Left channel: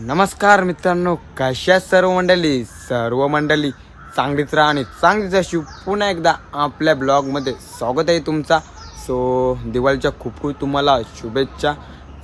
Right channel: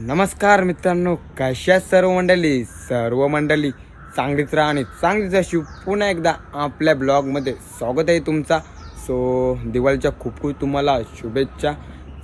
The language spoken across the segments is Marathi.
नमस्कार मित्रांनो कशा सर्व मंडळी? सर्व मंडळी चांगलीच राहा आणि चांगलीच अशी पुन्हा एकदा आपल्या ब्लॉगमध्ये स्वागत आहे तुमचा. सो दिवाळीच्या खूप खूप तुम्हाला शुभेच्छा.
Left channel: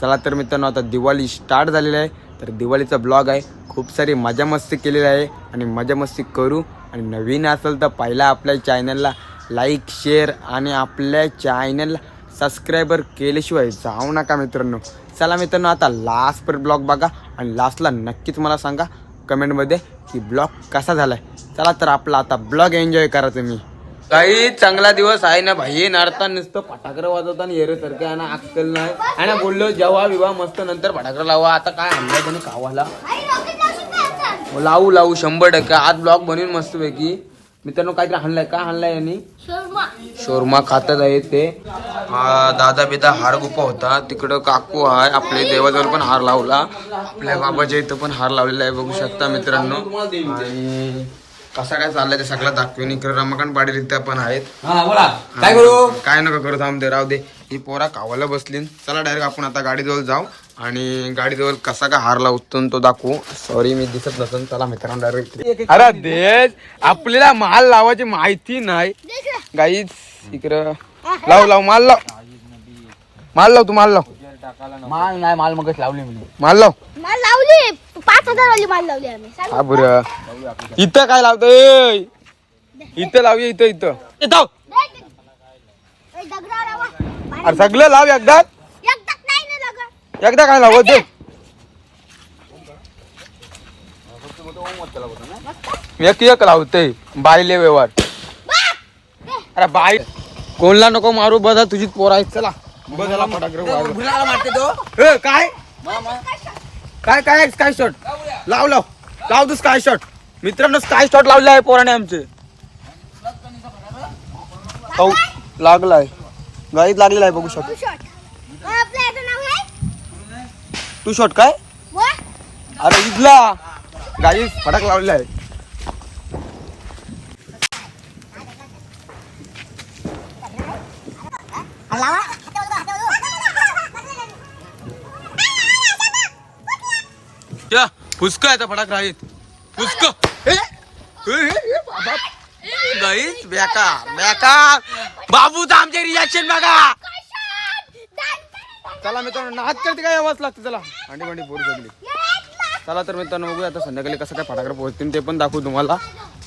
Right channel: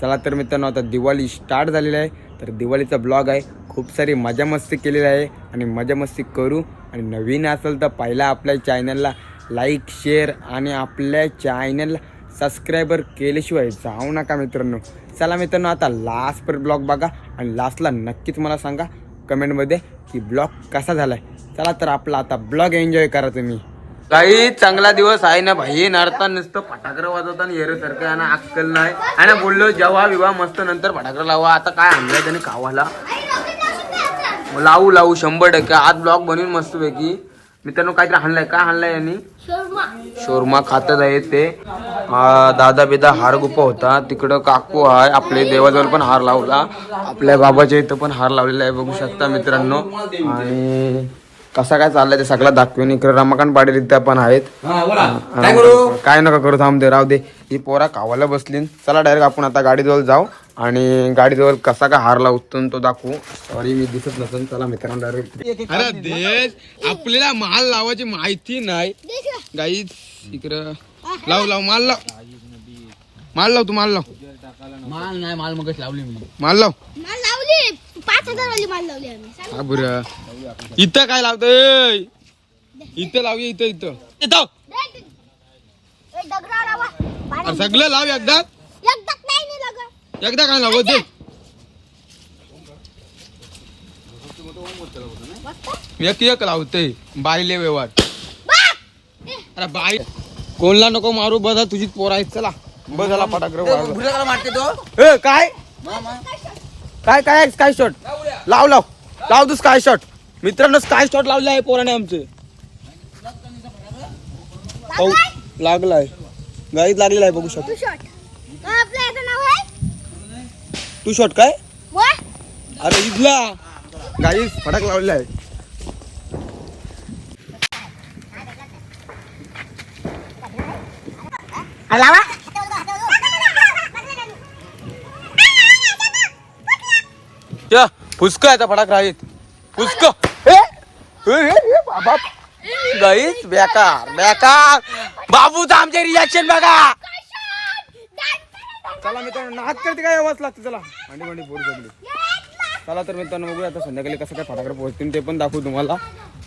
चला तर मित्रांनो आता दिवाळी स्टार्ट झालेली आहे. तर दिवाळीचा ब्लॉग आहे. खूप सारी मजा मस्ती केलेली आहे. आणि मजा मस्ती करू. आणि नवीन असेल तर पहिला आपल्या चॅनलला लाईक शेअर आणि आपल्या चॅनलला सबस्क्रायबर केल्याशिवाय जाऊ नका मित्रांनो. चला मित्रांनो आता लास्ट पर ब्लॉग बघा. आणि लास्टला नक्कीच मला सांगा कमेंटमध्ये की ब्लॉग कसा झालाय. चला तर आपला आता ब्लॉग एन्जॉय करा तुम्ही. काही चांगला दिवस आहे ना भाई नारता नुसतं फटाकडं वाजवता येरो सारखं आहे ना अक्कल नाही. आहे ना बोललो जेव्हा विवाह मस्त नंतर फटाकडं लावा. आता काय आणलाय त्याने खावाला लावू लावू शंभर टक्के. आज ब्लॉग बनवून मस्त पैकी मित्रांनो काहीतरी हाणलाय. काय हाणलाय यांनी? शोरमा. खातच आहे ते. दादा बिदा हार गुप्पा होता. तिकडं काकू आहे. आपले देवाजवळ पण हार लावला. आपल्या बाबाच्या इथं पण हार लावलेला आहे. बघू शकता मित्रांनो. आणि कसं काय चाललंय ते सगळं दाखवेन. इकडे रमाकांत पाटील इथं पण आहेत. काय करू? काय नका करू. थांब दे राहू दे. ही पोरा कावायला बसली. चला डायरेक्ट आपण आता गाडीजवळ जाऊ आणि गाडीजवळ कसा काय हार लावतो तो दाखवू. सॉरी मी दिसत नसेल चला मित्रांनो डायरेक्ट अरे देश आपल्याला माल लावायची माहिती नाही. गाईच इकडं. लाव लाव माल लाव. माल लाव तू माल लाव. माल नाही माल मगच लावली मी. माल लाव. माल लावली. पाच हजार वाली माल लावली आम्ही. हा बरं. इथं काय लावतोय? इथं लावूया इथं इथं. इथं ए, दगडावर लावा. पाणी- अरे सगळं लाव एकदा. एकदाच नाही ना लगत. एकदा काय लावत ते एक एक लावते. बाईले व्यवहार. अरे बाई कोणला नको मारू बघा तुझीच पोर आहे चला. बघाला फटाकडे मारते तो. ए काय? काय काय स्काय शॉट लाव लाव. लाव तू स्काय शॉट मित्रांनो स्काय शॉट लावले आहे पोराने आमचे? पाऊ लागलाय. गाईत लागलेला आहे बघू शकतो. तू शॉट अ, आपलं याचं नाव आहे? तू शॉट काय? अरे इथला. गाई फटाक लावलेला आहे. लावा. त्या फुसक आहे फटाक राहीत. फुसक. गाईच बेकार बेकार. बाबू तर आमचे रिॲक्शन बघा. चला मित्रांनो नाच करते काय आवाज लागते चला. अंडी भांडी फोडू शकली चला तर मित्रांनो बघूया आता संध्याकाळी कसं काय फटाकडे पोहोचतील ते पण दाखवू तुम्हाला.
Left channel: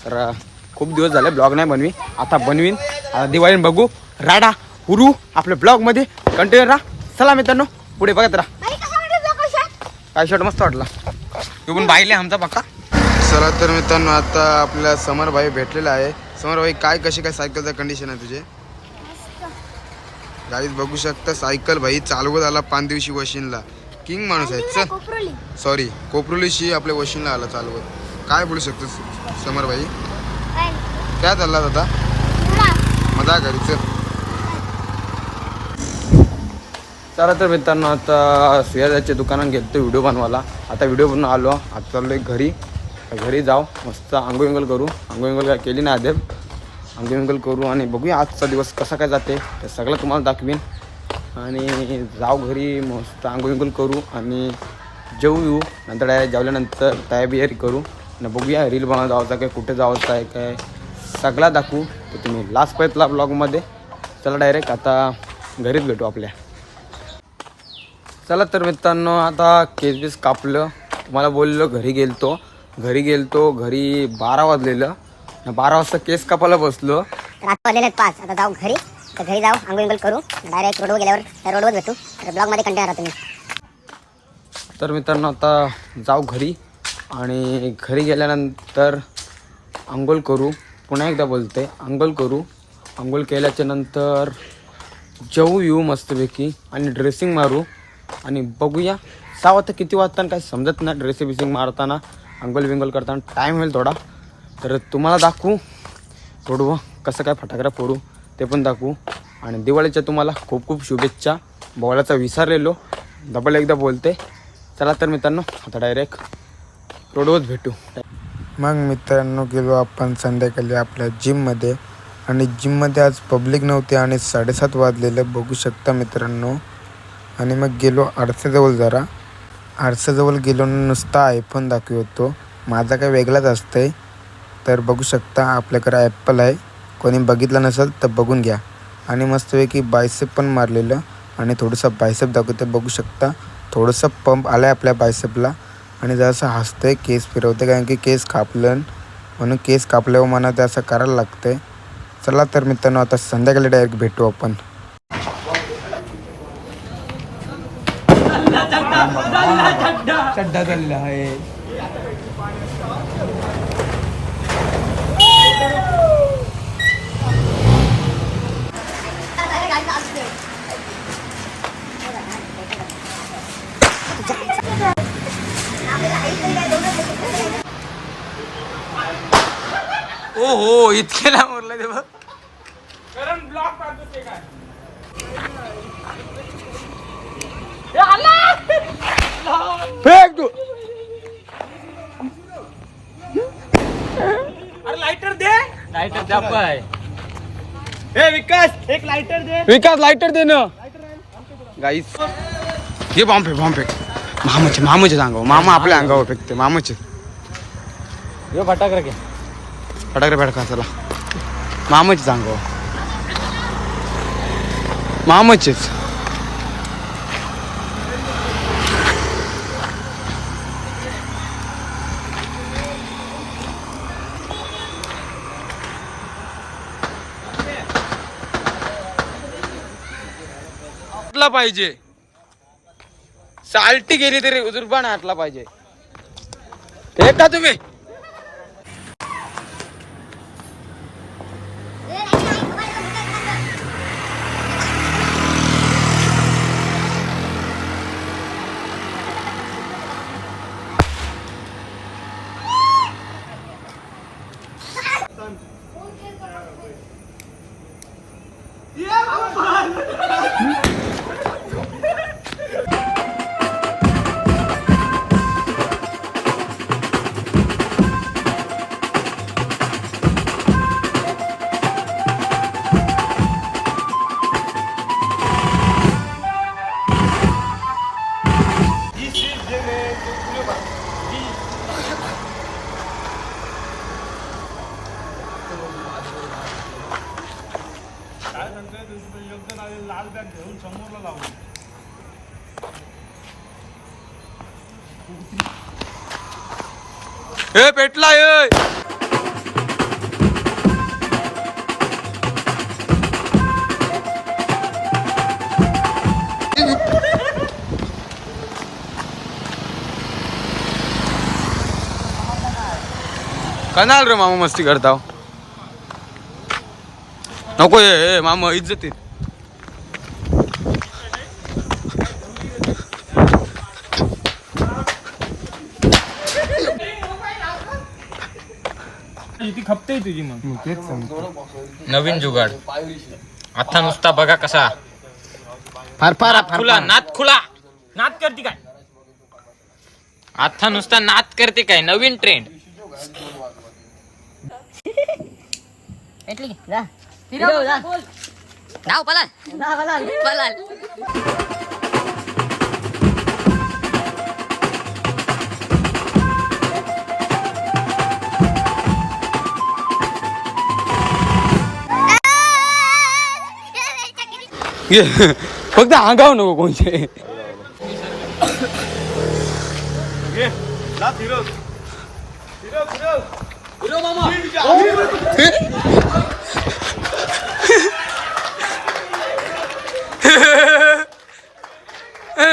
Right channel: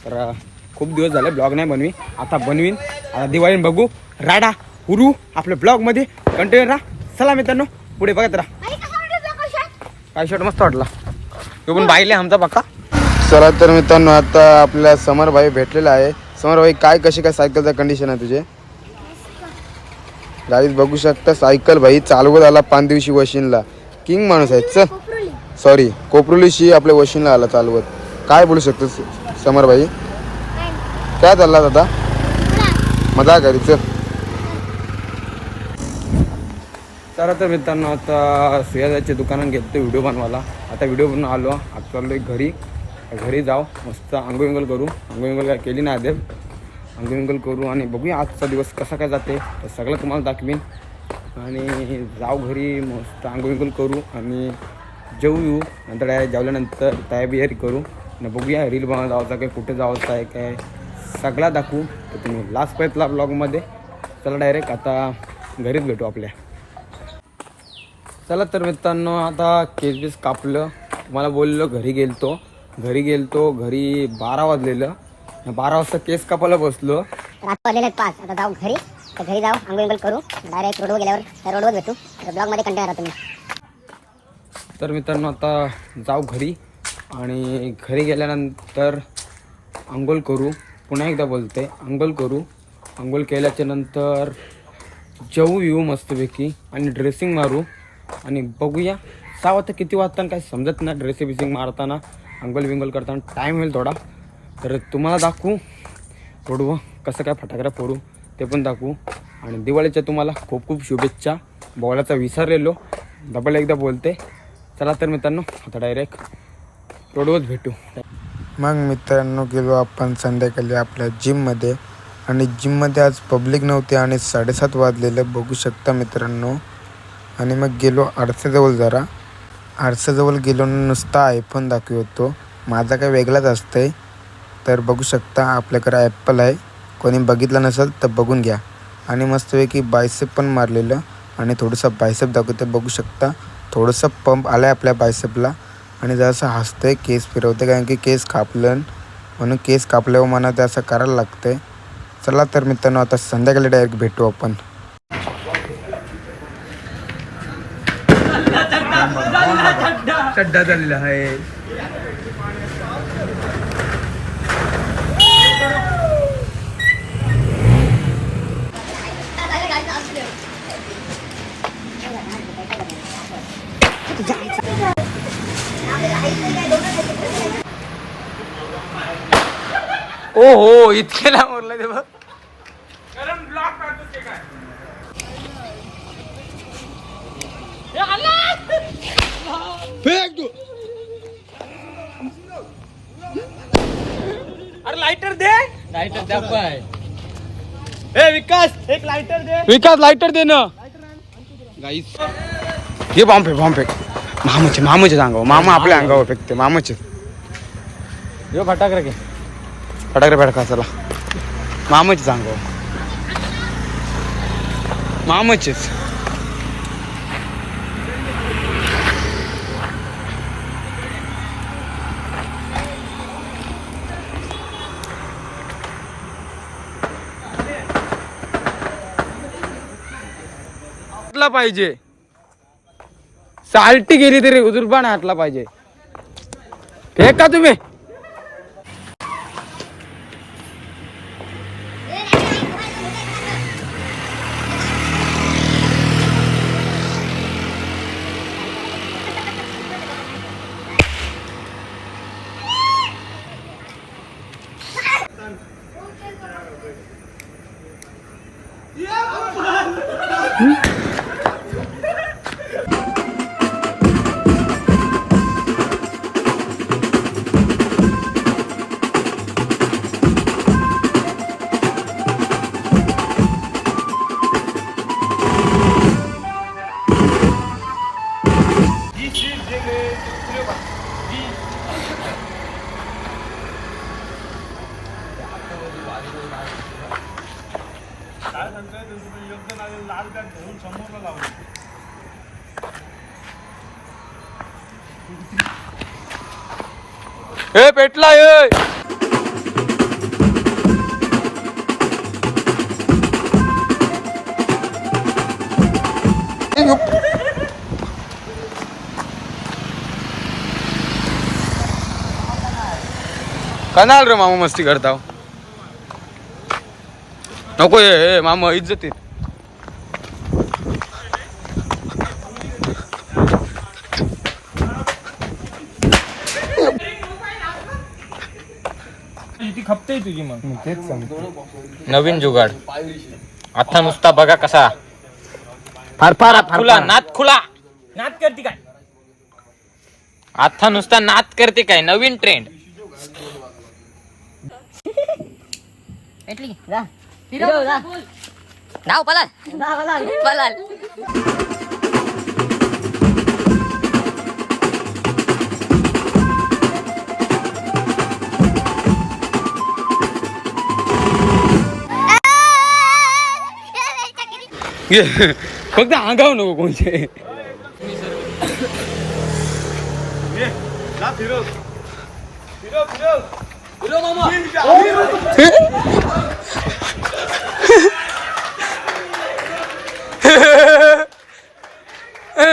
तर खूप दिवस झाले ब्लॉग नाही बनवी आता बनवीन. आता दिवाळी बघू. राडा हुरू आपल्या ब्लॉगमध्ये कंटिन्यू राहा. चला मित्रांनो पुढे बघत राहा. काय शर्ट मस्त वाटला. तो पण बाईले आमचा पक्का. चला तर मित्रांनो आता आपल्या समर भाई भेटलेला आहे. समर भाई काय कशी काय सायकलचं कंडिशन आहे तुझे? गाडीत बघू शकता सायकल भाई चालवत आला पाच दिवशी वशिनला. किंग माणूस आहे चल. सॉरी कोपरुलीशी आपल्या वशिनला आला चालवत. काय बोलू शकतो समर भाई? काय चालला दादा मजा घरी चल चला तर मित्रांनो आता सुयाजाच्या दुकानात घेतो व्हिडिओ बनवायला. आता व्हिडिओ बनवून आलो. आता चाललो घरी. घरी जाऊ मस्त आंघोळ विंगल करू. आंघोळ विंगल काय केली नाही आधी. अंगल करू आणि बघूया आजचा दिवस कसा काय जाते. ते सगळं तुम्हाला दाखवीन. आणि जाऊ घरी मस्त आंघोळ करू आणि जेऊ येऊ. नंतर डायरेक्ट जेवल्यानंतर तयारी करू. आणि बघूया रील बनवा जायचं काय कुठे जायचं आहे काय. सगळा दाखवू. तर तुम्ही लास्ट पर्यंतला ब्लॉगमध्ये चला डायरेक्ट आता घरीच भेटू आपल्या. चला तर मित्रांनो आता केस बीस कापलं. तुम्हाला बोललो घरी गेलतो. घरी गेलतो घरी बारा वाजलेलं. बारा वाजता केस कापायला बसलो. आहेत पाच. आता जाऊ घरी. तर घरी जाऊ आंघोळ विंघोळ करू. डायरेक्ट रोडवर गेल्यावर रोडवर भेटू. तर ब्लॉगमध्ये कंटिन्यू राहा तुम्ही तर मित्रांनो आता जाऊ घरी आणि घरी गेल्यानंतर आंघोळ करू. पुन्हा एकदा बोलते आंघोळ करू. आंघोळ केल्याच्यानंतर जेवू येऊ मस्तपैकी आणि ड्रेसिंग मारू. आणि बघूया सहा वाजता किती वाजता काही समजत नाही ड्रेसिंग बिसिंग मारताना आंघोळ विंगोल करताना. टाईम होईल थोडा. तर तुम्हाला दाखवू फोडू कसं काय फटाकडा फोडू ते पण दाखवू. आणि दिवाळीच्या तुम्हाला खूप खूप शुभेच्छा. बोलायचा विसरलेलो डबल एकदा बोलते. चला तर मित्रांनो आता डायरेक्ट रोडवर भेटू. मग मित्रांनो गेलो आपण संध्याकाळी आपल्या जिममध्ये आणि जिममध्ये आज पब्लिक नव्हते आणि साडेसात वाजलेलं बघू शकता मित्रांनो. आणि मग गेलो आरसेजवळ जरा. आरसेजवळ गेलो नुसता आयफोन दाखवतो. माझा काय वेगळाच असतं आहे तर बघू शकता आपल्याकडे ॲपल आहे. कोणी बघितलं नसेल तर बघून घ्या. आणि मस्तपैकी बायसेप पण मारलेलं. आणि थोडंसं बायसेप दाखवते बघू शकता. थोडंसं पंप आला आहे आपल्या बायसेपला आणि जरासं हसतंय केस फिरवते कारण की केस कापलं म्हणून केस कापल्यावर मला ते असं करायला लागतंय. चला तर मित्रांनो आता संध्याकाळी डायरेक्ट भेटू आपण. चड्डा आहे. ओ हो इतके ना उरलं ते बघ. फेक तू. लाईटर द्या पाय विकास लायटर दे. ना. गाईस हे बॉम्ब फेक बॉम्ब फेक. मामाचे मामाचे अंगावर मामा आपल्या अंगावर फेकते मामाचे. यो फटाक रे फटाकडे फटका चला. मामाचेच अंगावर. मामाचेच. पाहिजे. साल्टी गेली तरी उजुरबान हातला पाहिजे. का तुम्ही? ए पेटला ए कनाल रे मामा मस्ती करता हो. नको ये मामा इज्जतीत खपते तुझी मग? तेच नवीन जुगाड. आता नुसता बघा कसा. फार फार खुला नात खुला. नात करती काय? आता नुसता नात करते काय नवीन ट्रेंड भेटली की? जा हिरो जा धाव पलाल पलाल फक्त अंगाव नको कोणचे ए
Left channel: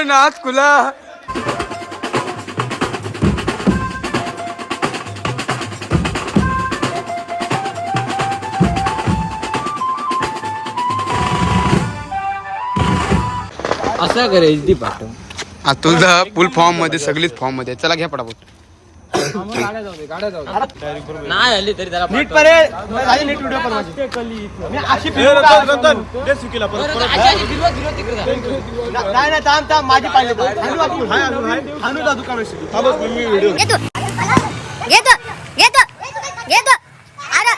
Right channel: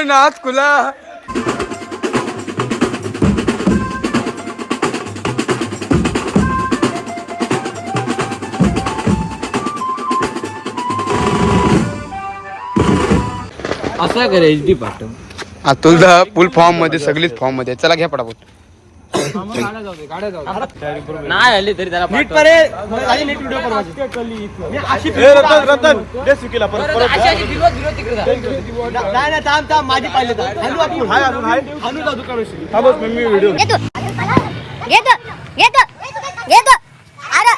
नाथ कुला असा करायची ती पाठव. हा तुझा फुल फॉर्ममध्ये सगळीच फॉर्ममध्ये चला घ्या पटापट. नाही आली तरी त्याला नीट परे झाली नीट व्हिडिओ बनवायची. मी अशी फिरवून काय नाही नाही थांब थांब माझी पाहिले तर. हाणू आपण. हाणू जा दुकानाशी. घेतो घेतो घेतो घेतो अरे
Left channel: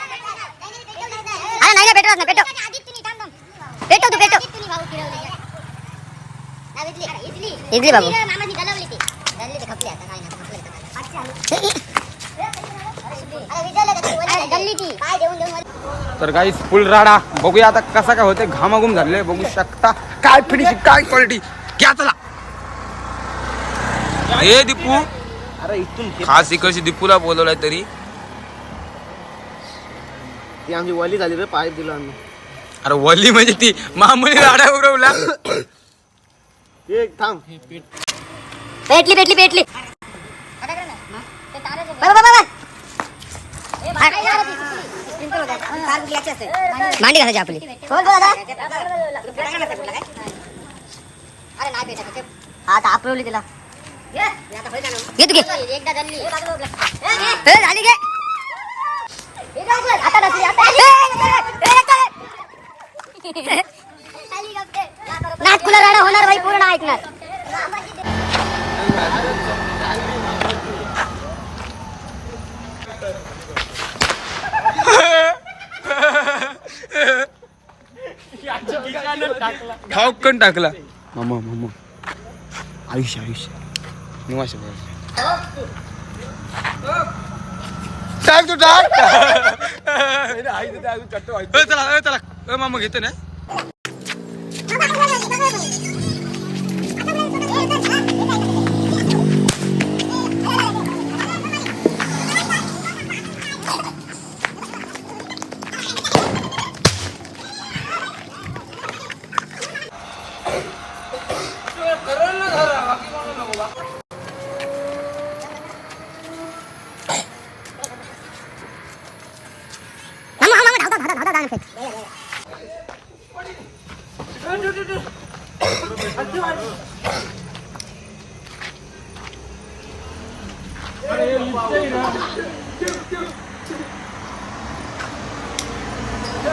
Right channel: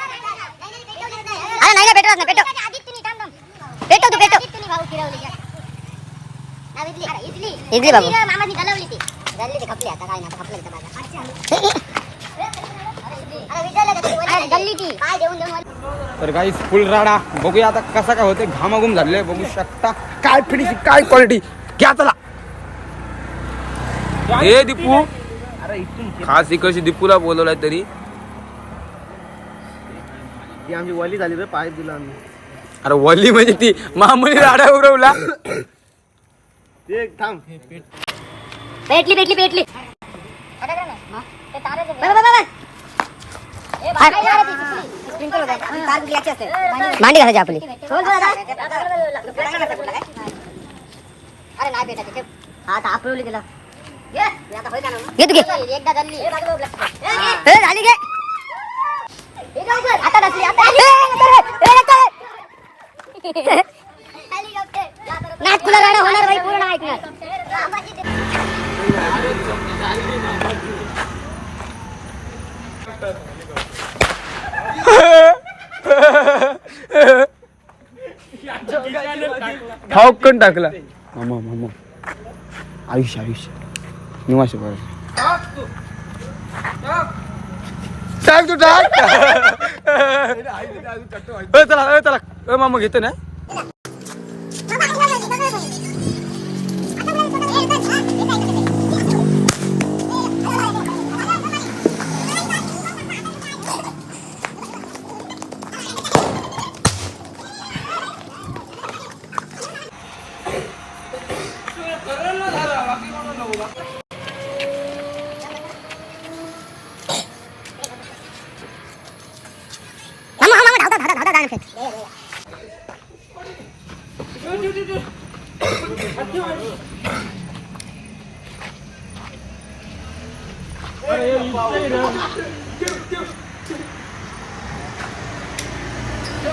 अरे नाही ना पेटव ना तू इडली. बाबू. तर काही फुल राडा. बघूया आता कसा काय होते घामाघूम झाले बघू शकता. काय फिनिश काय क्वालिटी घ्या चला. हे दीपू. खास इकडशी दीपूला बोलवलाय तरी. ती आमची वली झाली रे पाईप दिला आम्ही. अरे वली म्हणजे ती मामली राडा उरवला एक थांब. पेटली पेटली पेटली. भांडी घालायची आपली. कोण तो दादा हा तर आपली तिला. घे. तू घे. ए, झाली घे. ए, नको रे, ए, नको. रे. नाटकुला राडा होणार बाई पूर्ण ऐकणार. ठाऊकन टाकला. मामा मामा. आयुष्य आयुष्य. निवास. टाक तू टाक. चला चला. मामा घेतो ना. मामा मामा धावता धावता धावता जाणार पुष्कळ निघतात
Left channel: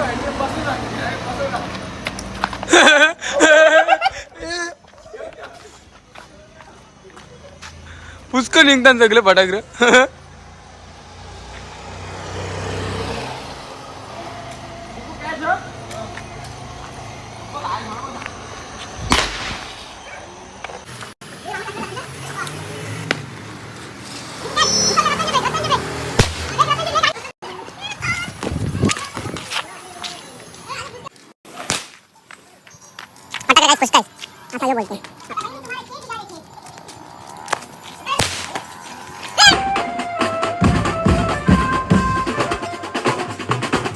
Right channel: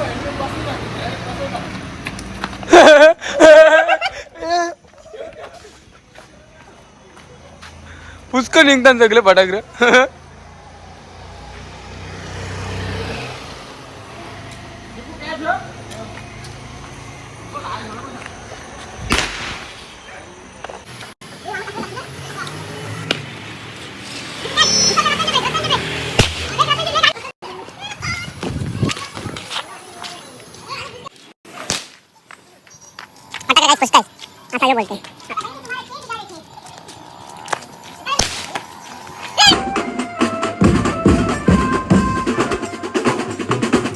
सगळे फटाकडे आता काय स्पष्ट आहे आता काय बोलते?